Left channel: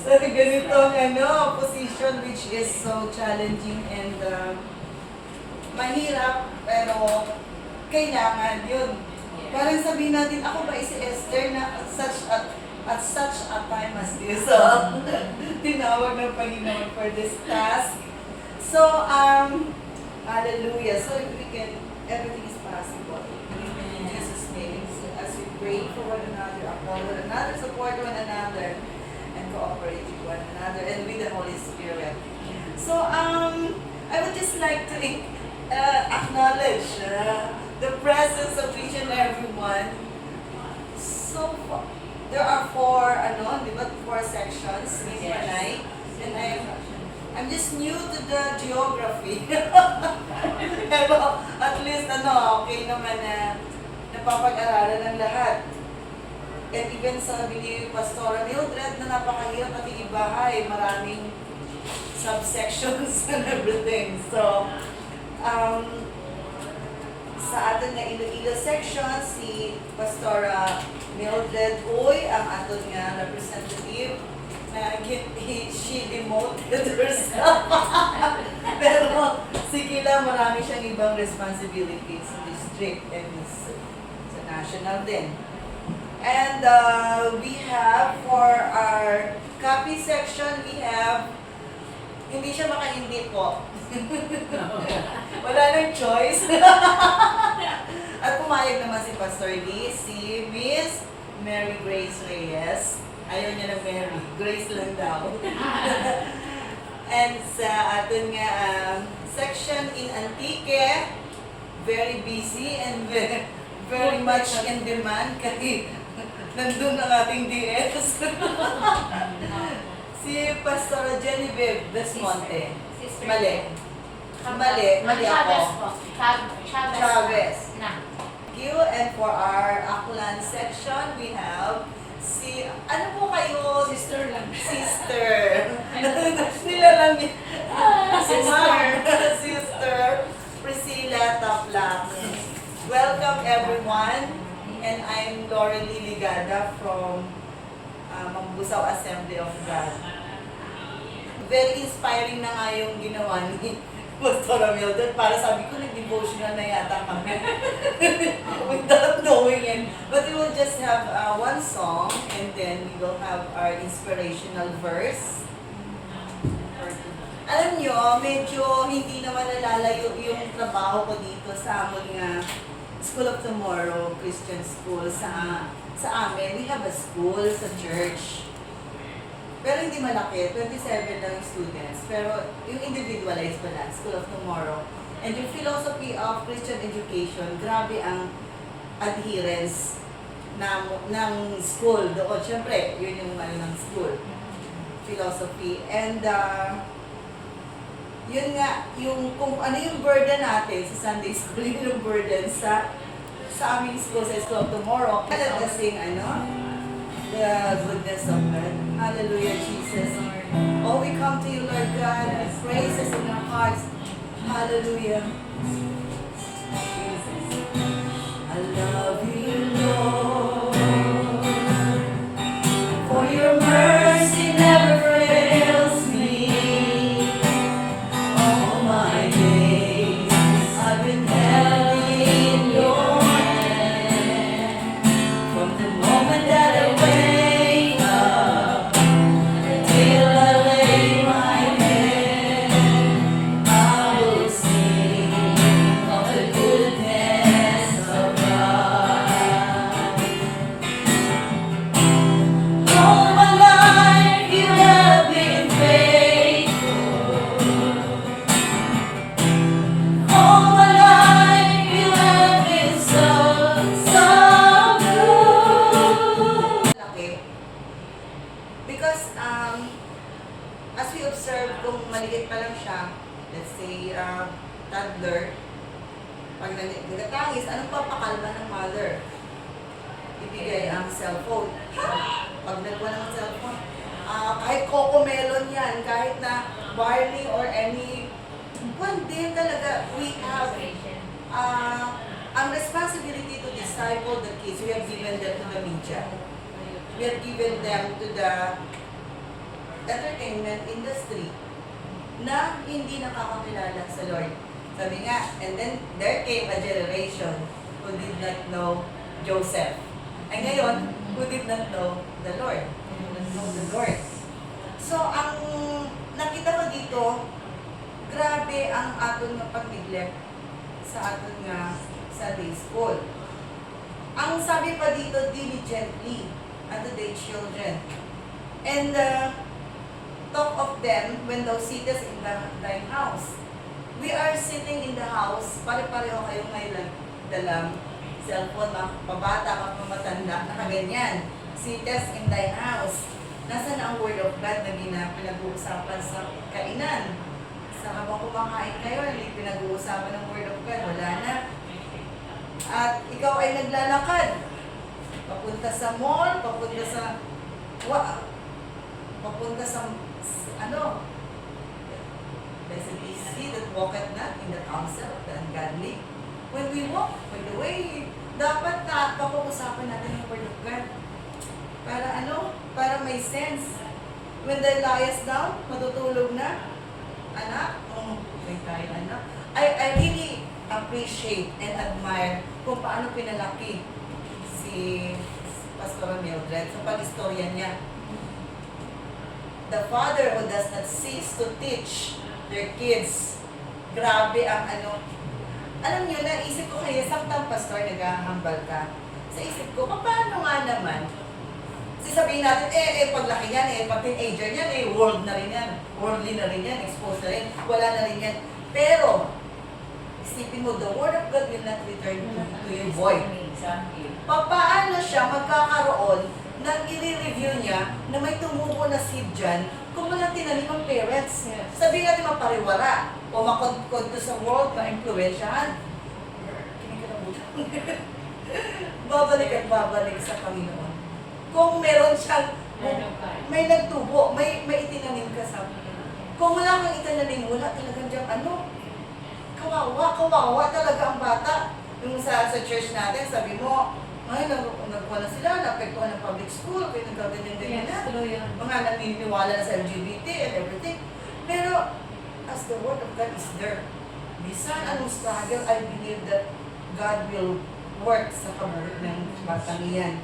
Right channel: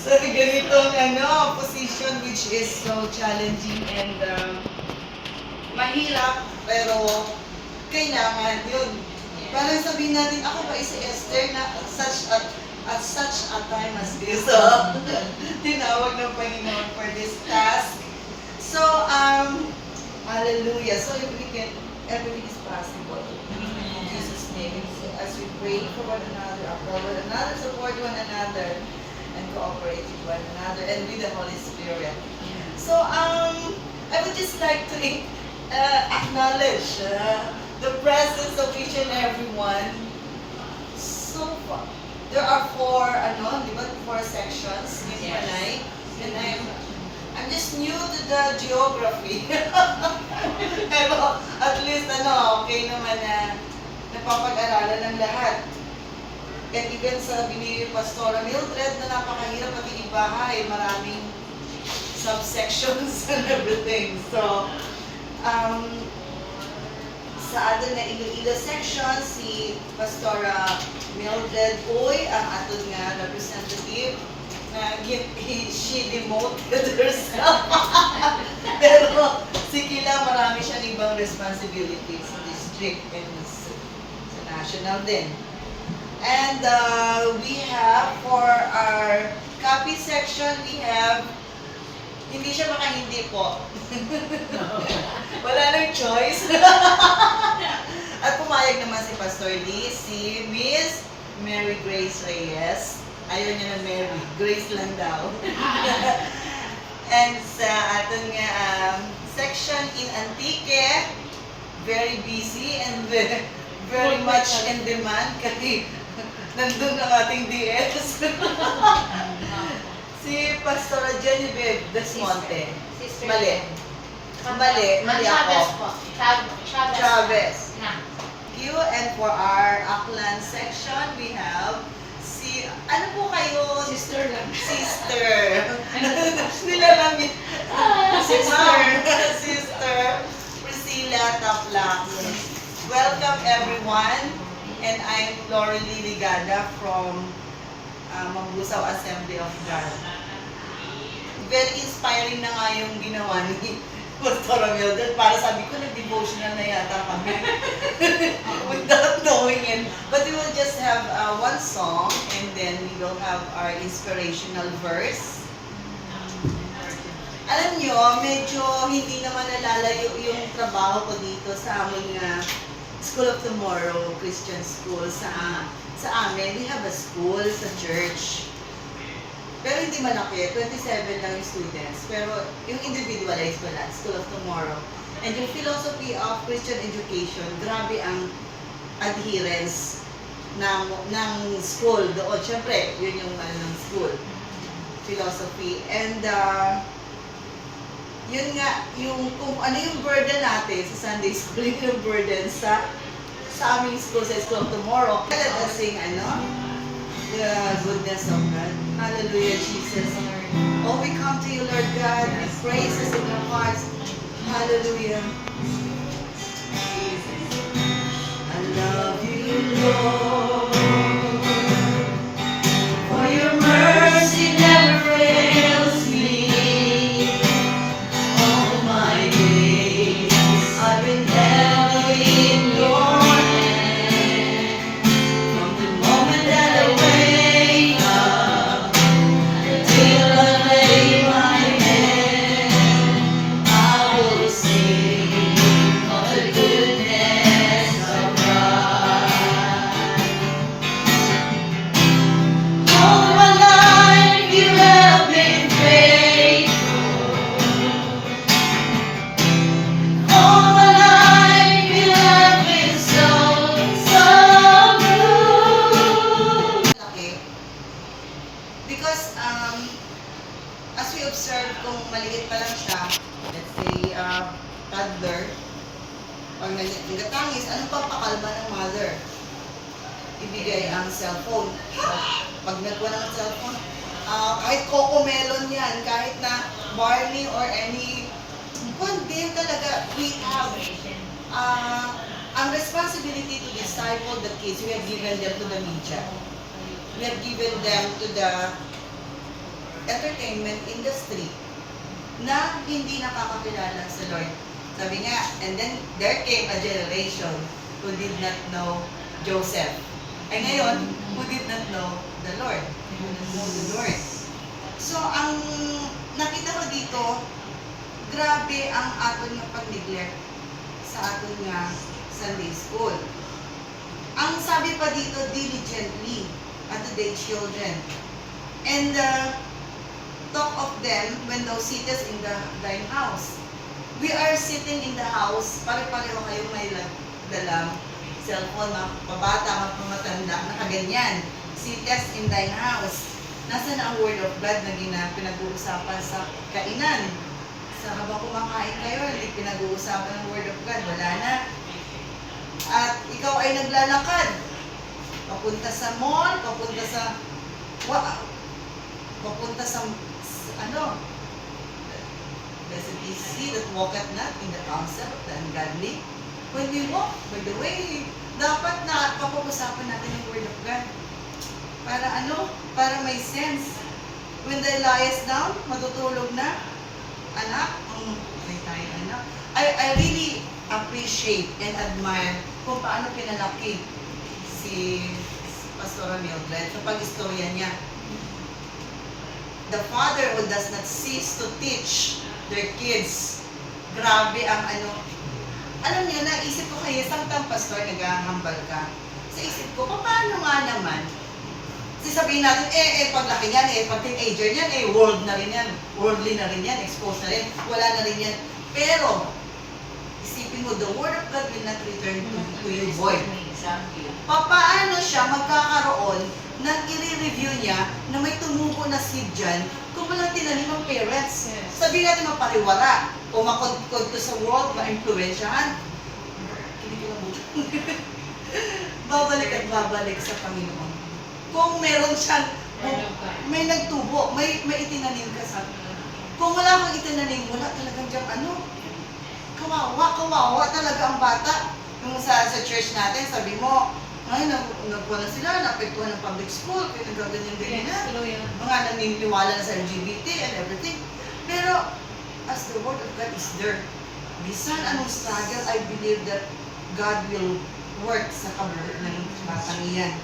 sa ganitong position which is so challenging and mahirap, pero kailangan yun. Parang sabihin natin, ako ba si Esther na at such a time as this? So, tinawag ng Panginoon for this task. So, hallelujah. So, everything is possible. In Jesus' name. So, as we pray for one another, uphold one another, support one another, and cooperate with one another, and with the Holy Spirit. So, I would just like to acknowledge the presence of each and everyone. So, there are four sections in Panay, and I'm just new to the geography. Pero at least okay naman na napapag-aralan ng lahat. And even sabi ni Pastora Mildred na napakahirap makikibahay, maraming subsections and everything. So, sa atin na Iloilo section, si Pastora Mildred Uy, ang aton nga representative, na she demoted herself. Pero si Kila, marami siyang ibang responsibilities sa district and sa national din. And we have for our copy section, we have, hindi siya makahindi po. Wala nang choice. At pumayag naman si Pastor Lee, si Miss Mary Grace Reyes. Ayaw niya ng Mary, Grace lang daw. And sa ating section in Antique, very busy and very much in demand kasi nandun ang ating DS. Si Pastor Genevieve Desmonte. Mali. Mali ako. Chavez. Thank you. And for our Aklan section, we have si, ano po kayo? Sister lang. Sister. Nilalang yun. Sister Priscilla Taplak. Welcome everyone. And I'm Lauren Ligada from Mambusaw Assembly of God. Very inspiring na nga yung ginawa ni Pastor Mildred. Para sabi ko, nag-devotional na yata kami. Without knowing it. But we will just have one song and then we will have our inspirational verse. Alam nyo, medyo hindi naman nalalayo yung trabaho ko dito sa aming School of Tomorrow Christian School. Sa amin, we have a school sa church. Pero hindi malaki, 27 lang yung students. Pero yung individualized wala, School of Tomorrow. And yung philosophy of Christian education, grabe ang adherence ng school doon. Siyempre, yun yung ng school. Philosophy. And yun nga, yung kung ano yung burden natin sa Sunday school, yun yung burden sa aming school, sa School of Tomorrow. Let us sing, the goodness of God. Hallelujah, Jesus. Oh, we come to you, Lord God, with praises in our hearts. Hallelujah. I love you, Lord, for your mercy never fails me. All my days I've been held in your hand. From the moment that I wake up till I lay my head, I will sing of the goodness of God. All my life you have been faithful. All my life you have been so good. Laki. Because as we observe, kung maliit pa lang siya, let's say toddler, pag nagatangis, anong papakalma ng mother? Ibigay ang cellphone. Pag nagwa ng cellphone, kahit coco melon yan, kahit na barley or any, din talaga, we have ang responsibility to disciple the kids. We have given them to the media. We have given them to the entertainment industry na hindi nakakakilala sa Lord. Sabi niya, and then there came a generation who did not know Joseph. Ay ngayon, who did not know the Lord. Who did not know the Lord. So, ang nakita ko dito, grabe ang aton nga pag-neglect sa aton nga Sunday school. Ang sabi pa dito, diligently unto their children. And talk of them when thou sittest in thine house. We are sitting in the house, pare-pareho kayong may dalang cellphone, mga pabata, mga pumatanda, nakaganyan. Sittest in thine house. Nasaan ang word of God na pinag-uusapan sa kainan? Sa habang kumakain kayo, hindi pinag-uusapan ng word of God. Wala na. At ikaw ay naglalakad. Papunta sa mall, papunta sa ano? Blessed is he that walketh not in the counsel of the ungodly. When we walk, by the way, dapat na papag-usapan natin yung word of God. Para ano? Para may sense. When thou liest down, matutulog na. Anak, tayo anak. I really appreciate and admire kung paano pinalaki si Pastor Mildred. So pag-istorya niya, the father who does not cease to teach their kids. Grabe ang ano. Alam niyo, naisip ko kayo, samtang pastor, naghahambal ka. Sa isip ko, paano nga naman? Kasi sabihin natin, paglaki niyan, pag teenager niyan, world na rin yan. Worldly na rin yan, exposed na rin, wala na rin yan. Pero, isipin mo, the word of God will not return to you void. Paano siya magkakaroon na i-review niya na may tumubo na seed dyan kung wala tinanim ng parents. Yes. Sabihin natin mapariwara o makod sa world, ma-influensyahan. Babalik at babalik sa Panginoon. Kung meron siyang, may nagtubo, may itinanim ka sa. Kung wala kang itinanim, wala talagang diyang ano. Kawawa talaga ang bata. Yung sa church natin, sabi mo, ay, nagwala sila, naapektuhan ng public school, kaya nagkaganyan-ganyan na. Mga naniniwala na sa LGBT and everything. Pero, as the word of God is there, bisan anong struggle, I believe that God will work sa kabuhat ng batang iyan.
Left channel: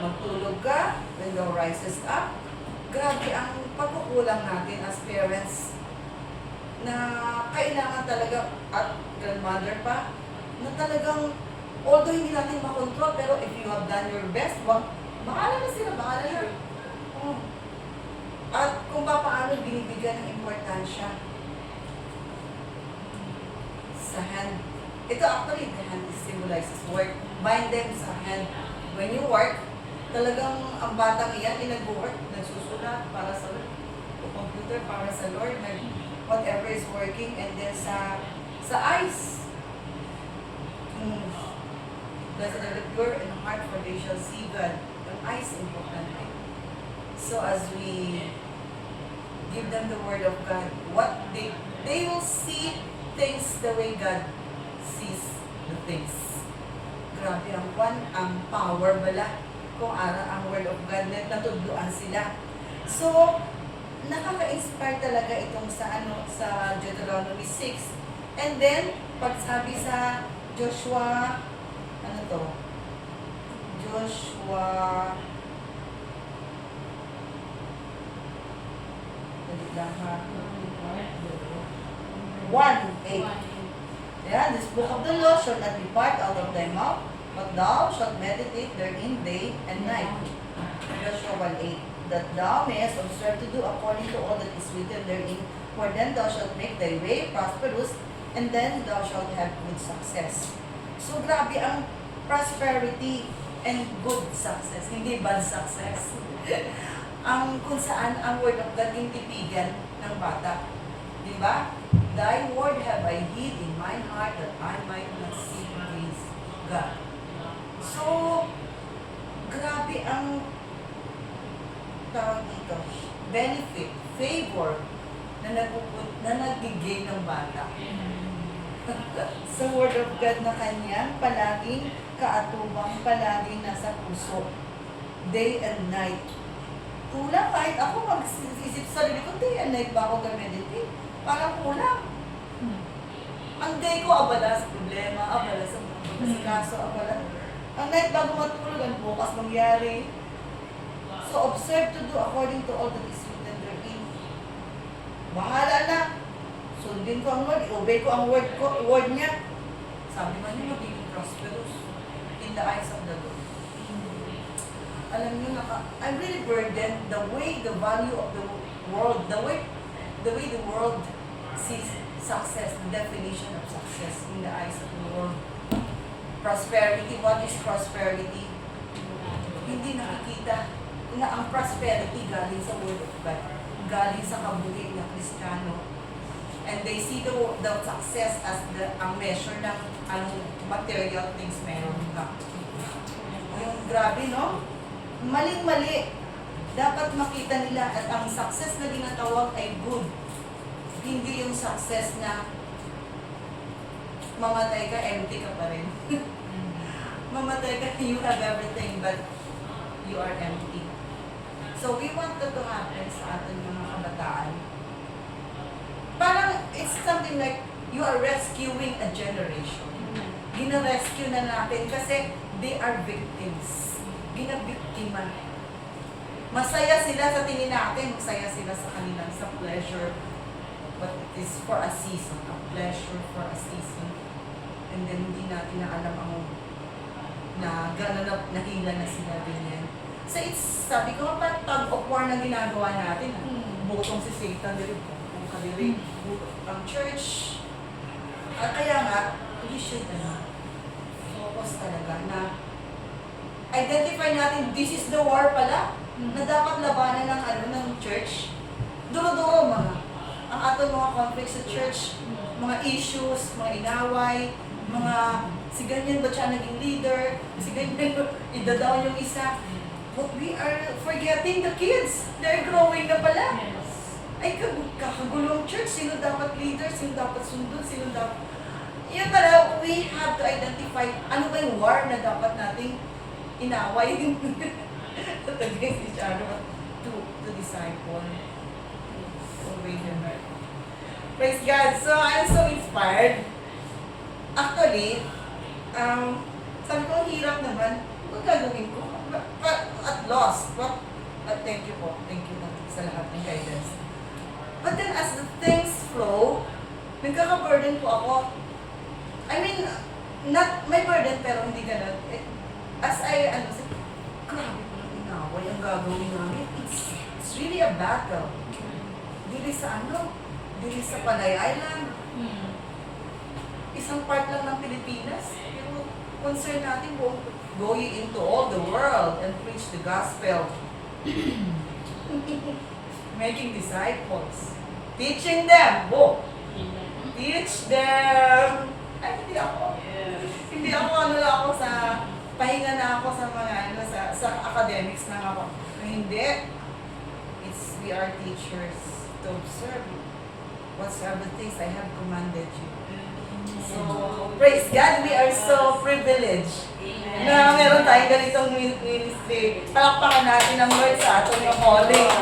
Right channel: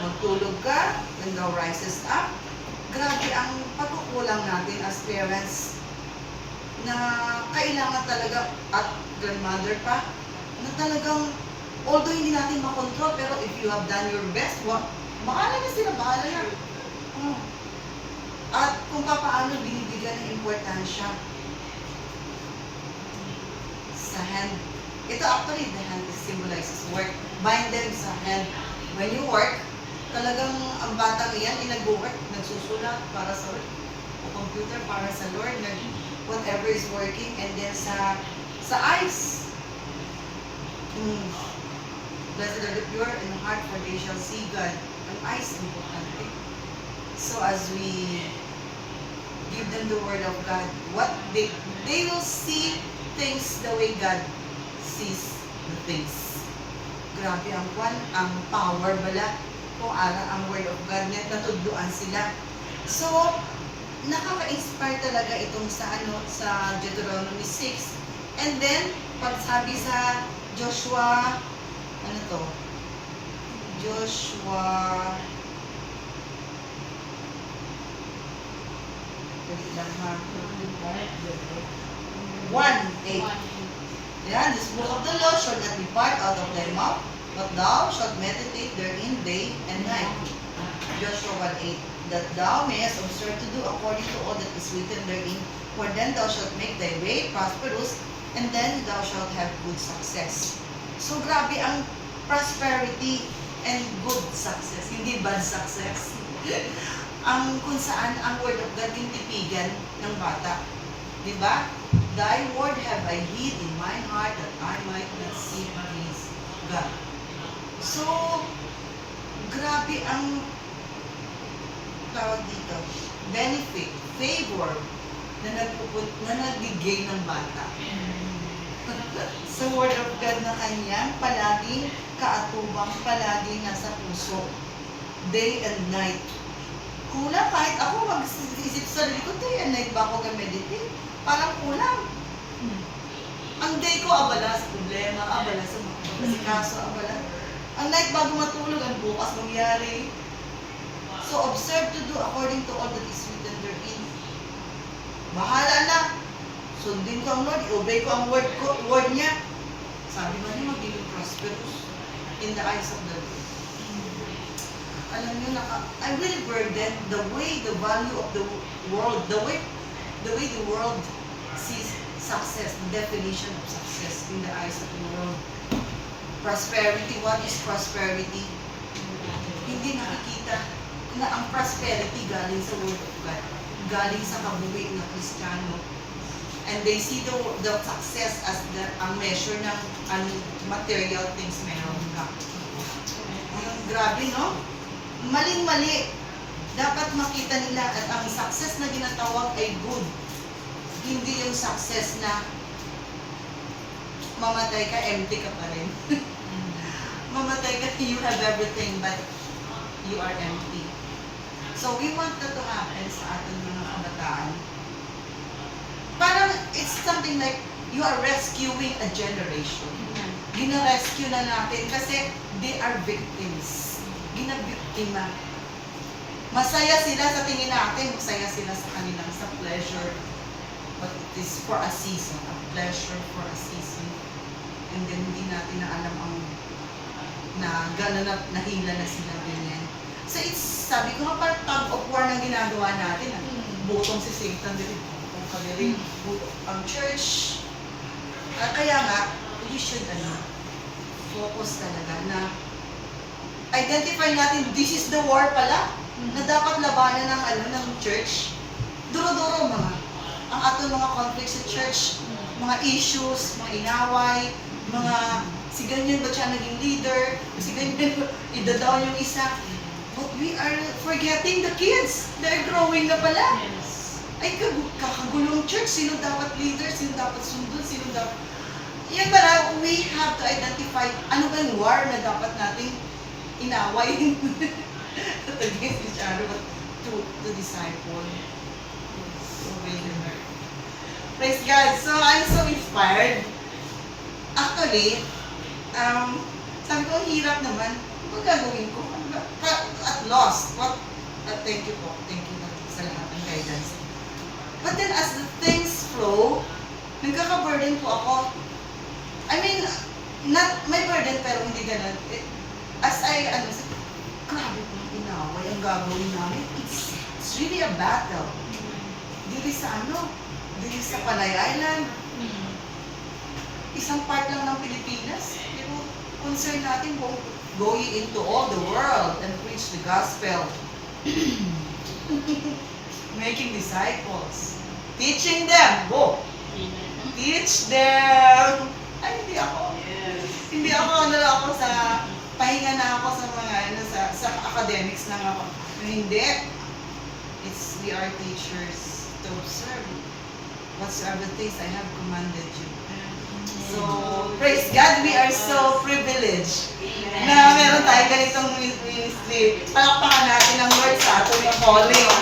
Magtulog ka, when thou rises up, grabe ang pagkukulang natin as parents na kailangan talaga, at grandmother pa, na talagang although hindi natin makontrol, pero if you have done your best, bahala na sila, bahala na. At kung paano binibigyan ng importansya sa hand. Ito actually, the hand symbolizes work. Bind them sa hand. When you work, talagang ang batang iyan, nag-work, nagsusulat para sa work, o computer para sa Lord, whatever is working, and then sa eyes. Blessed are the pure in heart, for they shall see God. Ang eyes, importante. So as we give them the word of God, what they will see things the way God sees the things. Grabe ang power bala kung aral ang word of God niya, natudluan sila. So, nakaka-inspire talaga itong sa Deuteronomy 6. And then, pagsabi sa Joshua, ano to? Joshua, dali lang ha. 1:8. Yeah, this book of the law shall not depart out of thy mouth, but thou shalt meditate therein day and night. Joshua 1:8. That thou mayest observe to do according to all that is written therein, for then thou shalt make thy way prosperous, and then thou shalt have good success. So grabe ang prosperity and good success, hindi bad success. Ang kung saan ang word of God yung tipigan ng bata. Diba? Thy word have I hid in my heart that I might not sin against God. So, grabe ang tawag dito, benefit, favor na nabigay ng bata. Sa word of God na kanyang palaging kaatubang, palaging nasa puso, day and night. kulang kahit ako mag-isip sa sarili ko, day and night ba ako mag-meditate? Parang kulang. Ang day ko abala sa problema, abala sa mga kaso, abala. Ang night bago matulog, ang bukas mangyari. So observe to do according to all that is written therein. Bahala na. Sundin ko ang Lord, i-obey ko ang word niya. Sabi man niya, magiging prosperous in the eyes of the Lord. Alam niyo, I'm really burdened the way the value of the world, the way the world sees success, the definition of success in the eyes of the world. Prosperity, what is prosperity? Hindi nakikita na ang prosperity galing sa word of God, galing sa kabuhi na Kristiyano. And they see the success as ang measure ng material things meron ka. Grabe, no? Maling-mali. Dapat makita nila at ang success na ginatawag ay good. Hindi yung success na mamatay ka, empty ka pa rin. Mamatay ka, you have everything but you are empty. So we want that to happen sa ating mga kabataan. Parang it's something like you are rescuing a generation. Gina-rescue na natin kasi they are victims. Ginabiktima. Masaya sila sa tingin natin, masaya sila sa kanilang sa pleasure. But it is for a season, a pleasure for a season. And then hindi natin na alam ang na gano'n na nahila na sila ganyan. So it's, sabi ko nga parang tug of war na ginagawa natin. Butong si Satan din. Ang church. Kaya nga, you should focus talaga na identify natin, this is the war pala, na dapat labanan ng church. Duro-duro ang ato mga conflicts sa church, mga issues, mga inaway, mga si ganyan ba siya naging leader, si ganyan idadaw yung isa. But we are forgetting the kids. They're growing na pala. Ay, kakagulong church. Sino dapat leader? Sino dapat sundod? Sino dapat... Yan pala, we have to identify ano ba yung war na dapat nating inaway. Against each other to disciple. Praise God. So, I'm so inspired. Actually, sabi ko, hirap naman. Ano gagawin ko? At lost. Thank you po. Thank you sa lahat ng guidance. But then as the things flow, nagkaka-burden po ako. I mean, not my burden pero hindi ganun. As I, grabe po ang inaway ang gagawin namin. It's really a battle. Dili sa dili sa Panay Island. Isang part lang ng Pilipinas. Pero concern natin po, going into all the world and preach the gospel. Making disciples. Teaching them. Teach them. Ay, hindi ako. Hindi ako sa, pahinga na ako sa mga, sa academics na ako. Hindi. We are teachers to observe whatsoever things I have commanded you. So, praise God, we are so privileged na meron tayong ganitong ministry. Palakpakan natin ang Lord sa ating calling.